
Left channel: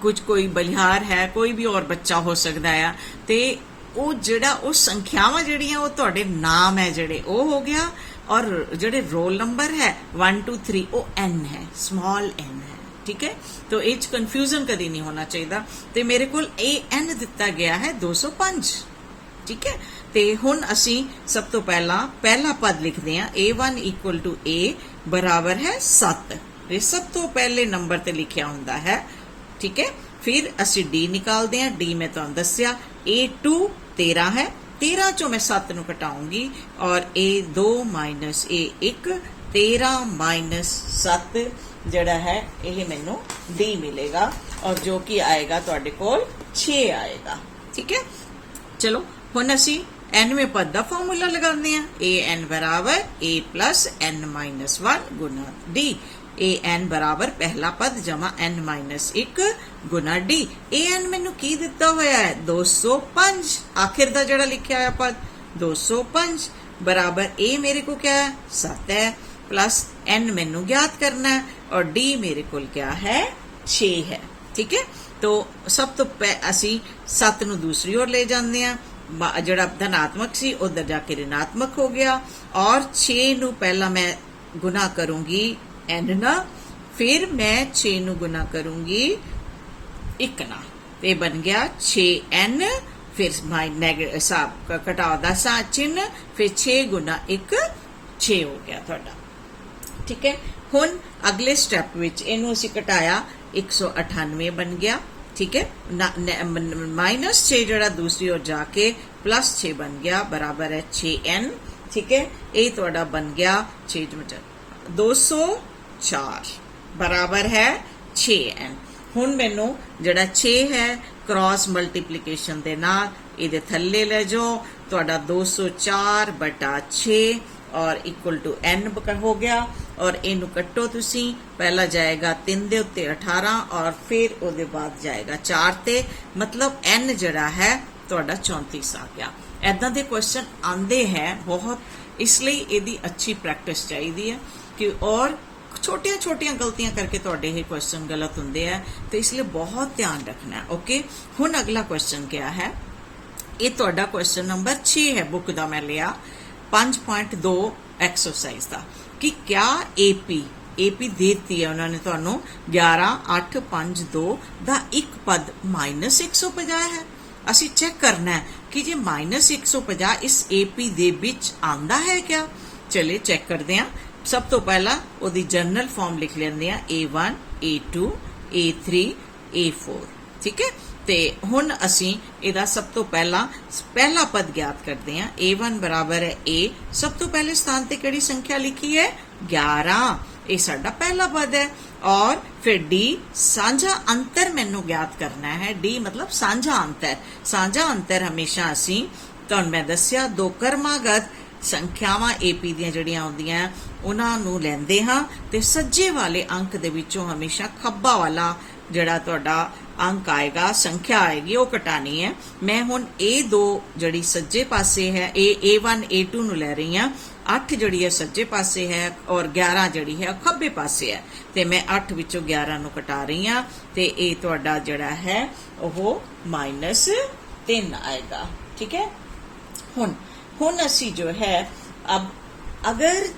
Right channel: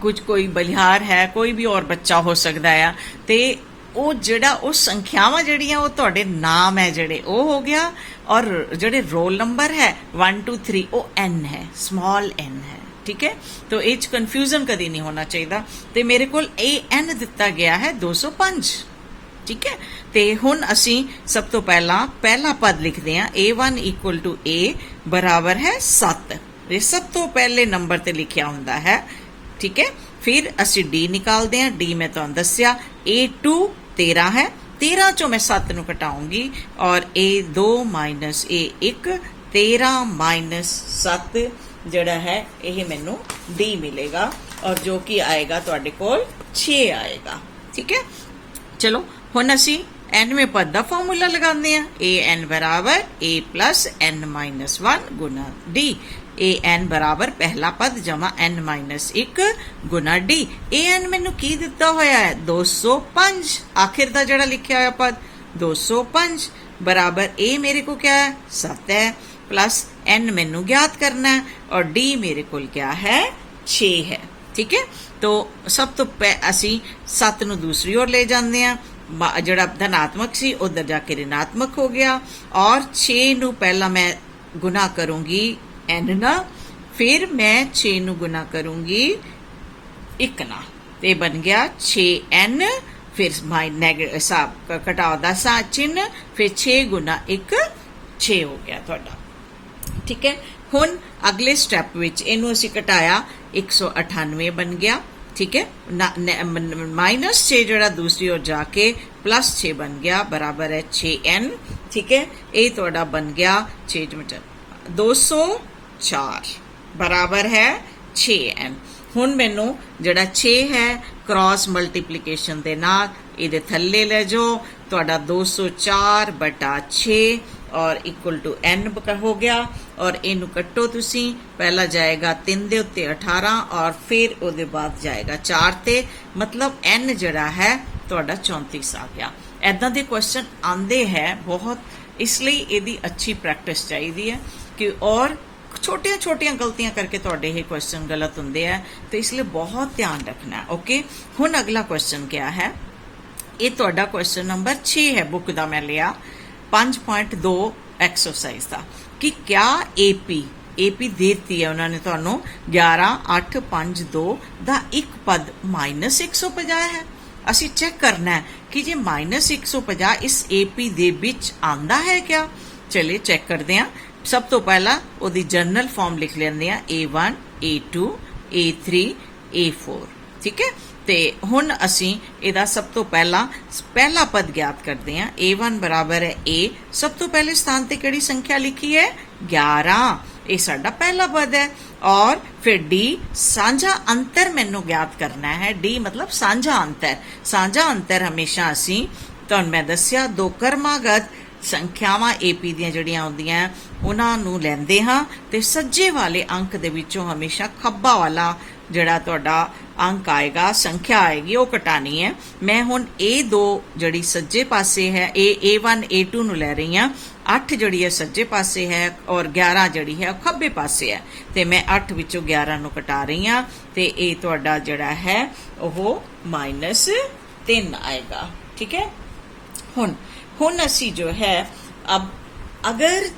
ਕੁਝ ਕੋਈ ਬਲਿਹਾਰ ਹੈ, ਕੋਈ ਵੀ ਹੋਰ ਬੱਚਾ ਹੋ ਸਕਦਾ ਆ। ਤੇ ਉਹ ਜਿਹੜਾ ਉਹ ਸੰਖਿਆਵਾਂ ਜਿਹੜੀਆਂ ਉਹ ਤੁਹਾਡੇ ਨਾਮ ਹੈ ਜਿਹੜੇ ਉਹ ਹੋ ਗਿਆ और ਜਿਹੜੇ रोल नंबर है 1 2 3 वो n है, स्मॉल n है। ठीक है, तो इस कन्फ्यूजन कभी नहीं होना चाहिए। तो मेरे को AN दिता गया है 205। ठीक है, तो हुण असी सब तो पहला पद लिखते हैं A1 इक्वल टू A बराबर है 7। ये सब तो पहले नंबर ते लिखिया हुंदा है। ठीक है, फिर असी D निकालते हैं। D मैं तुहानूं दस्सिया A2 13 है, 13 चो मैं 7 नूं घटाऊंगी और A2 माइनस A1 13 माइनस 7 जिहड़ा है यह मैनू D मिलेगा और जो कि आएगा तुहाडे कोल 6 आएगा। ठीक है, चलो हुण असी nवें पद का फॉर्मूला लगाते हैं। AN बराबर A plus N minus 1 Guna D। AN बराबर पहला पद जमा N minus 1 Guna D। AN मैनू की दिता होया है 205, आखिर का जड़ा लिखा हुआ पद 205 बराबर A मेरे को क्या है 7 है, प्लस N मैनू ज्ञात करना है और D मेरे को क्या है 6 है। ठीक है, तो सब तो असी 7 नू दूसरी ओर ले जाते हैं, जड़ा धनात्मक सी उधर जाके ऋणात्मक हो गया और 6 नू पहला मैं गुना करूंगी n ना, फिर मैं 6 नू गुना करूंगी 1 ना, ते बन गया 6n, फिर घटाओ दा चिन्ह, फिर 6 गुना 1 6 हो गया थोड़ा। ठीक है, हुण अगले स्टैप विच इनू असी घटाया 198 बन गया। ठीक है, माइनस 6 जड़ा दूसरी ओर जाके प्लस 6 बन गया बराबर है 6n। ठीक है, ये थोड़ा बन गया 6 204 बराबर है 6n। हुण मैनू जड़ा 6 है क्रॉस मल्टीप्लीकेशन दे नाल इहदे थल्ले ले जाओ, तुहाडा 204 बटा 6 और इक्वल टू n हो गया और इनू कट्टो तुसी, पहला जाएगा 3 दे उत्ते 18 और फिर उहदे बाद जाएगा 4 ते, मतलब n जड़ा है तुहाडा 34 आ गया। ऐदां दे क्वेश्चन आंदे हैं बहुत, इसलिए इहदी अच्छी प्रैक्टिस चाहिए है कि और छोटिया छोटिया गलतियां करके तुहाडे ये क्वेश्चन गलत होंदे है, तो इसलिए बहुत ध्यान रखना है। ओके, हुण अगला क्वेश्चन क्या है, ये तुहाडा क्वेश्चन नंबर 6 है, बुक दा मैं लिया 5.2 एक्सरसाइज का, कि क्या AP देती है उन्होंने तुहानू 11 8 5 2 दा एक पद माइनस 150 है। असी चेक करना है कि जे माइनस 150 इस AP दे विच आंदा है क्या। चलिए चेक करते हैं। सब तो पहला ओदी जनरल फॉर्म लिख लेंदे आ A1 A2 A3 A4। ठीक है, ते हुण असी इहदा सब तो पहला पद ज्ञात करते हैं। A1 बराबर है A, सब तो पहले स्थान ते किहड़ी संख्या लिखी है 11, ये साडा पहला पद है और फिर डी साझा अंतर मैनू ज्ञात करना है। डी मतलब साझा अंतर। साझा अंतर हमेशा असी तुहानूं मैं दस्सिया दो कर्मागत संख्यावां AP ਦੀਆਂ ਜਿਹੜੀਆਂ ਆਉਂਦੀਆਂ ਉਹਨਾਂ ਨੂੰ ਲੈਂਦੇ ਹਾਂ ਤੇ ਸੱਜੇ ਵਾਲੇ ਅੰਕ ਦੇ ਵਿੱਚੋਂ ਹਮੇਸ਼ਾ ਖੱਬਾ ਵਾਲਾ ਜਿਹੜਾ ਤੁਹਾਡਾ अंक आएगा, संख्या आएगी, वो कटानी है। मैं हुण A2 जड़ी सज्जे पासे है, A1 A2 नूं लै रही हां। 8 जड़ी है सज्जे पासे है और 11 जड़ी है खब्बे पासे है, ते मैं 8 विचों 11 नूं कटा रही हां ते ये तुहाडा जड़ा है वो -3 आएगा। ठीक है। हुण असी जो है अब अगर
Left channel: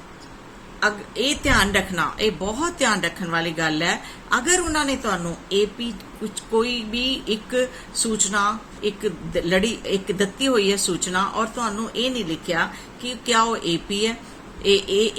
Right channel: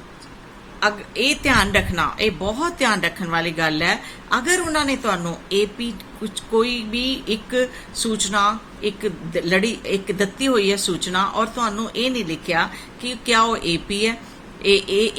ये ध्यान रखना, ये बहुत ध्यान रखने वाली गल है। अगर उन्होंने तुहानू AP कुछ कोई भी एक सूचना एक लड़ी एक दत्ती हुई है सूचना और तुहानू ये नहीं लिखिया कि क्या वो AP है,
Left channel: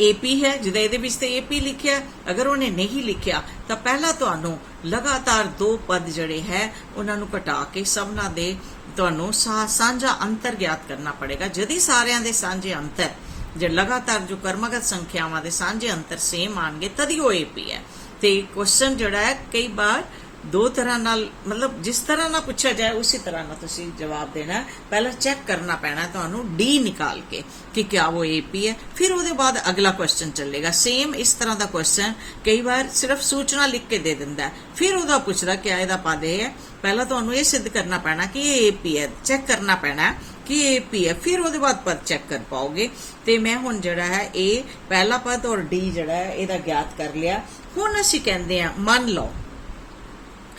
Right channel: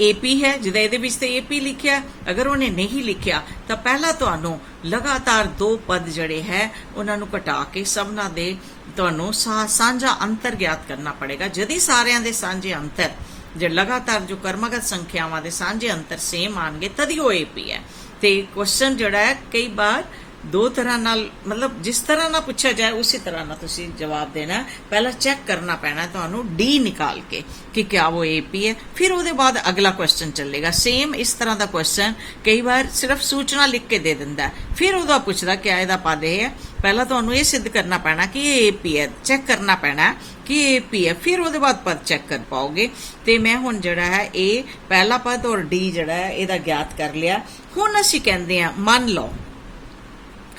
AP है जिहदा इहदे विच ते AP लिखिया। अगर उन्हें नहीं लिखिया तो पहला तुहानू लगातार 2 पद जड़े है उन्होंने घटा के सबना दे तुहानू साझा अंतर ज्ञात करना पड़ेगा। जदी सारियां दे सांझे अंतर जो लगातार जो कर्मगत संख्यावां दे सांझे अंतर सेम आएंगे तभी वो AP है। ते क्वेश्चन जड़ा है कई बार दो तरह नाल मतलब जिस तरह ना पूछा जाए उसी तरह ना तुसी जवाब देना है। पहला चेक करना पैना है तुहानू डी निकाल के कि क्या वो AP है, फिर उसके बाद अगला क्वेश्चन चलेगा। सेम इस तरह का क्वेश्चन कई बार सिर्फ सूचना लिख के दे दिंदा है, फिर उसका पूछदा क्या इहदा पद है। पहला तुहानू ये सिद्ध करना पैना कि ये AP है, चेक करना पैना कि ये AP है, फिर उसके बाद पद चेक कर पाओगे। तो मैं हुण जड़ा है ए पहला पद और डी जड़ा है इहदा ज्ञात कर लिया। हुण असीं कहंदे आ मान लो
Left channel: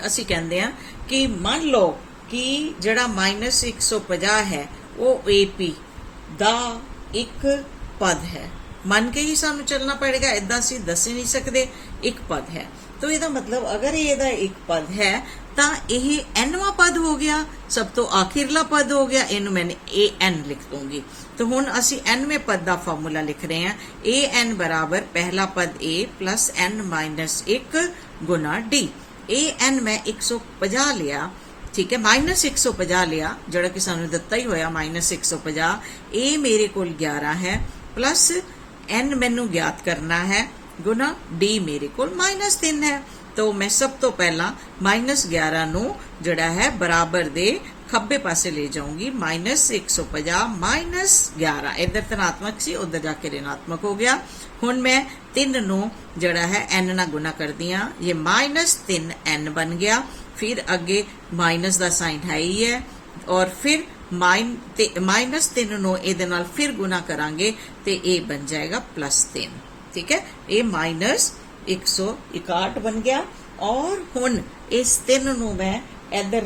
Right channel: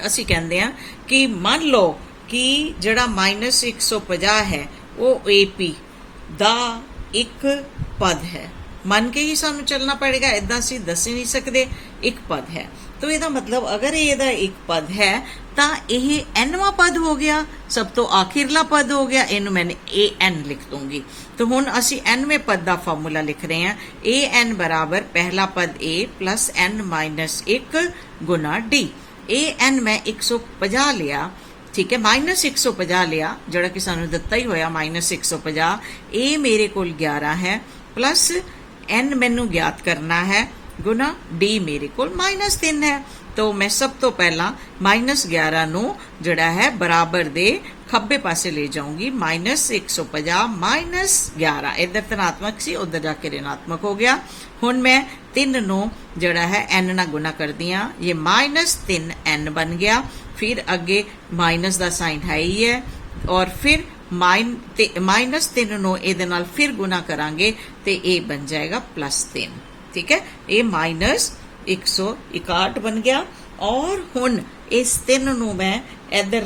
असी कहते हैं कि मान लो कि जड़ा -150 है वो AP दा एक पद है। मन के ही सानू चलना पड़ेगा, इदा असी दस ही नहीं सकते एक पद है। तो यदा मतलब अगर ये एक पद है तो यह nवां पद हो गया, सब तो आखिरला पद हो गया। इनू मैंने AN लिख दूंगी। तो हुण असी nवें पद का फार्मूला लिख रहे हैं। AN बराबर पहला पद A plus n-1 Guna D। AN मैं 150 लिया, ठीक है, -150 लिया जड़ा कि सानू दिता ही होया -150। ए मेरे कोल 11 है प्लस n मैनू ज्ञात करना है गुना D मेरे कोल -3 है। तो मैं सब तो पहला -11 नू जड़ा है बराबर दे खब्बे पासे ले जाऊंगी। -150 -11 इधर धनात्मक सी उधर जाके ऋणात्मक हो गया। हुण मैं 3 नू जड़ा है n ना गुना कर दिया, ये -3n बन गया। फिर अगे माइनस का साइन है ही है और फिर -3 नू इहदे नाल फिर गुना करांगे तो ये बन जाएगा +3। ठीक है, ये -161 बन गया। और हुण इस 3 नू मैं इधर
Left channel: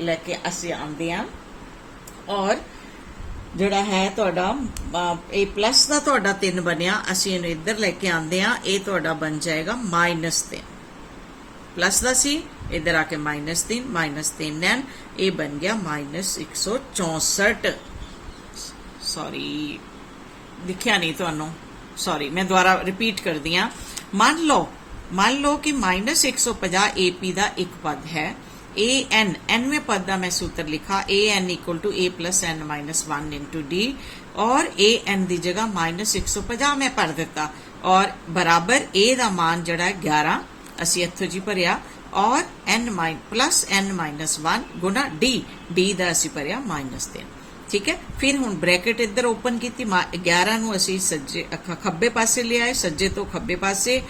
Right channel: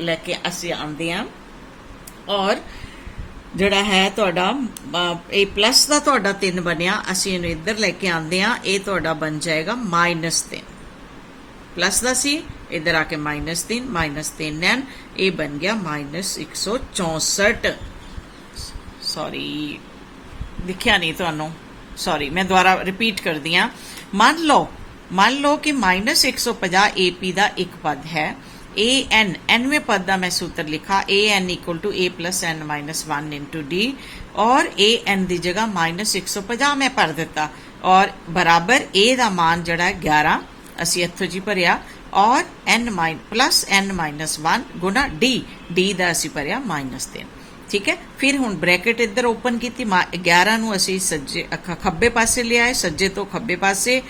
लेके असी आंदे हां और जड़ा है तुहाडा ए प्लस का तुहाडा 3 बनया, असी इहनूं इधर लेके आंदे हां, ये तुहाडा बन जाएगा -3 प्लस का सी इधर आके -3 ये बन गया -164। सॉरी लिखिया नहीं तुहानूं, सॉरी मैं दोबारा रिपीट कर दिया। मान लो कि -150 AP का एक पद है। AN nवें पद का मैं सूत्र लिखा AN = A + n-1 × D और AN की जगह -150 मैं भर दिता और बराबर A का मान जड़ा 11 असी इत्थों जी भरिया और n+n-1 गुना D का असी भरिया -3। ठीक है, फिर हुण ब्रैकेट इधर ओपन की 11 नू असी सज्जे खब्बे पासे ले आए, सज्जे तो खब्बे पासे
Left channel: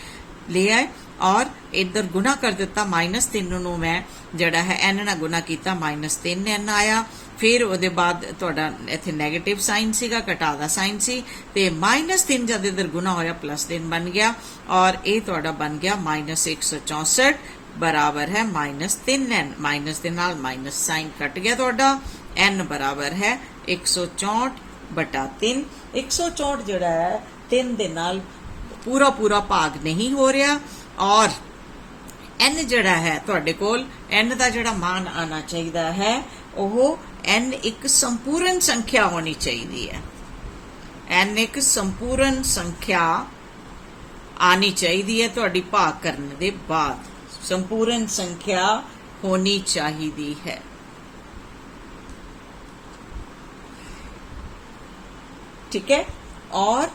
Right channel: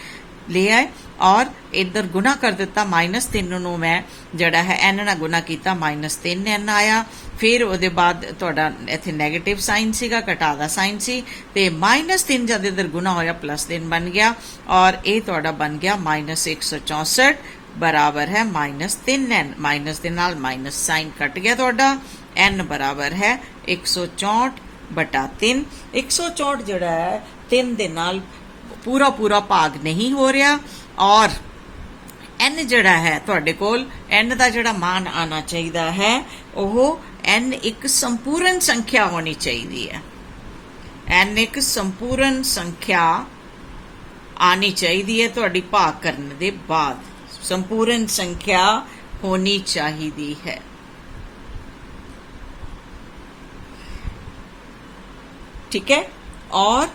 ले आए और इधर गुना कर दिता। -3 नू मैं जड़ा है n ना गुना किया -3n आया। फिर उसके बाद तुहाडा इत्थे नैगेटिव साइन सीगा, घटा दा साइन सी ते -3 जब इधर गुना होया +3 बन गया और ये तुहाडा बन गया -164 बराबर है -3n। माइनस दे नाल माइनस साइन कट गया तुहाडा, n बराबर है 164/3। 164 जड़ा है 3 दे नाल पूरा भाग नहीं हो रहा और n जड़ा है तुहाडे कोल n का जड़ा मान आना चाहिए है वह n एक संपूर्ण संख्या होनी चाहिए है। n एक संपूर्ण संख्या आनी चाहिए है तुहाडी भाग करने दे बाद, संपूर्ण संख्या होनी चाहिए है। ठीक है, और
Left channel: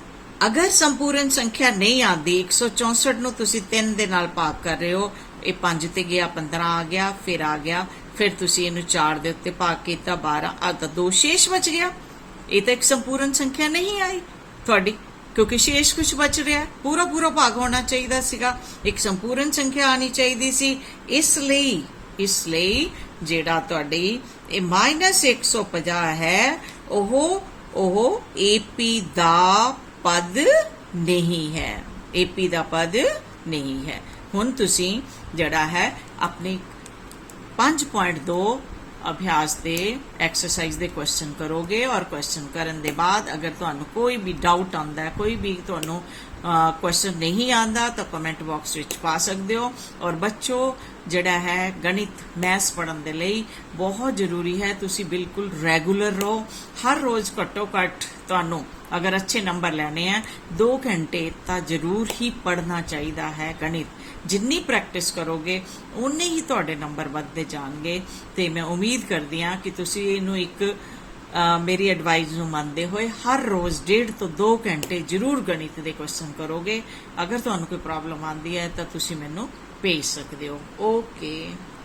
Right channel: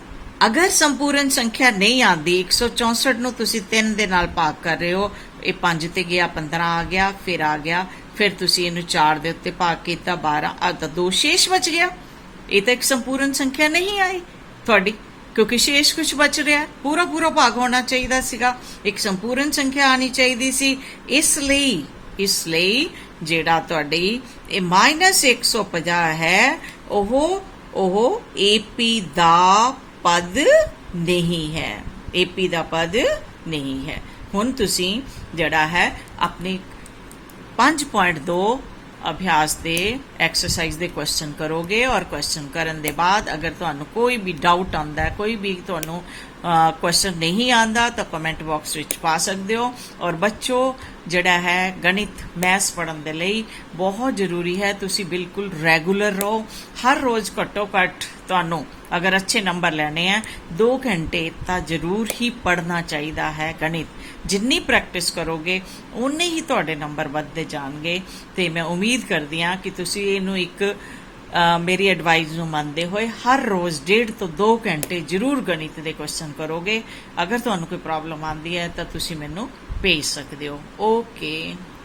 ਅਗਰ ਸੰਪੂਰਨ ਸੰਖਿਆ ਨਹੀਂ ਆਉਂਦੀ 164 ਨੂੰ ਤੁਸੀਂ 3 ਦੇ ਨਾਲ ਭਾਗ ਕਰ ਰਹੇ ਹੋ, ਇਹ 5 ਤੇ ਗਿਆ 15 ਆ ਗਿਆ, ਫਿਰ ਆ ਗਿਆ, ਫਿਰ ਤੁਸੀਂ ਇਹਨੂੰ 4 ਦੇ ਉੱਤੇ ਭਾਗ ਕੀਤਾ 12 ਆ ਤਾਂ 2 ਸ਼ੇਸ਼ ਬਚ ਗਿਆ। ਇਹ ਤਾਂ ਇੱਕ ਸੰਪੂਰਨ ਸੰਖਿਆ ਨਹੀਂ ਆਈ ਤੁਹਾਡੀ, ਕਿਉਂਕਿ ਸ਼ੇਸ਼ ਕੁਝ ਬਚ ਰਿਹਾ, ਪੂਰਾ ਪੂਰਾ ਭਾਗ ਹੋਣਾ ਚਾਹੀਦਾ ਸੀਗਾ, ਇੱਕ ਸੰਪੂਰਨ ਸੰਖਿਆ ਆਣੀ ਚਾਹੀਦੀ ਸੀ। ਇਸ ਲਈ ਜਿਹੜਾ ਤੁਹਾਡੀ ਇਹ -150 ਹੈ ਉਹ ਏਪੀ ਦਾ ਪਦ ਨਹੀਂ ਹੈ, ਏਪੀ ਦਾ ਪਦ ਨਹੀਂ ਹੈ। ਹੁਣ ਤੁਸੀਂ ਜਿਹੜਾ ਹੈ ਆਪਣੀ 5.2 ਅਭਿਆਸ ਦੇ ਐਕਸਰਸਾਈਜ਼ ਦੇ ਕੁਐਸਚਨ ਕਰੋਗੇ, ਔਰ ਕੁਐਸਚਨ ਕਰਨ ਦੇ ਬਾਅਦ ਅਗਰ ਤੁਹਾਨੂੰ ਕੋਈ ਵੀ ਡਾਊਟ ਆਉਂਦਾ ਹੈ, ਕੋਈ ਵੀ ਤੁਹਾਨੂੰ ਕੁਐਸਚਨ ਨਹੀਂ ਆਉਂਦਾ ਤਾਂ ਕਮੈਂਟ ਬਾਕਸ ਵਿੱਚ ਪਾ ਸਕਦੇ ਹੋ। ਔਰ ਬੱਚੋ ਜਿਹੜਾ ਹੈ ਗਣਿਤ ਮੈਥਸ ਪੜ੍ਹਨ ਦੇ ਲਈ ਬਹੁਤ ਜ਼ਰੂਰੀ ਹੈ ਤੁਸੀਂ ਬਿਲਕੁਲ ਰੈਗੂਲਰ ਰਹੋ। ਹਰ ਰੋਜ਼ ਘੱਟੋ ਘੱਟ ਤੁਹਾਨੂੰ ਅਗਰ ਅੱਛੇ ਨੰਬਰ ਲੈਣੇ ਆ 2 ਘੰਟੇ ਤਾਂ ਜ਼ਰੂਰ ਹੀ ਪੜ੍ਹਨਾ ਚਾਹੀਦਾ ਹੈ ਗਣਿਤ। ਜਿੰਨੀ ਪ੍ਰੈਕਟਿਸ ਕਰੋਗੇ ਉਨੇ ਹੀ ਤੁਹਾਡੇ ਨੰਬਰ ਵੱਧਦੇ ਜਾਣਗੇ। ਤੇ ਮੈਂ ਉਮੀਦ ਕਰਦੀ ਹਾਂ ਕਿ ਤੁਸੀਂ ਇਹਨੂੰ ਇੱਕ ਮੇਰੀ ਐਡਵਾਈਸ ਨੂੰ ਮੰਨਦੇ ਹੋਏ ਹਰ ਰੋਜ਼ 1.5 ਤੋਂ 2 ਘੰਟੇ ਜ਼ਰੂਰ ਗਣਿਤ ਦੇ ਕੁਐਸਚਨ ਕਰੋਗੇ। ਅਗਰ ਤੁਹਾਨੂੰ ਕੋਈ ਪ੍ਰੋਬਲਮ ਆਉਂਦੀ ਹੈ ਤਾਂ ਤੁਸੀਂ ਮੈਨੂੰ ਭੇਜ ਸਕਦੇ ਹੋ। ਓਕੇ।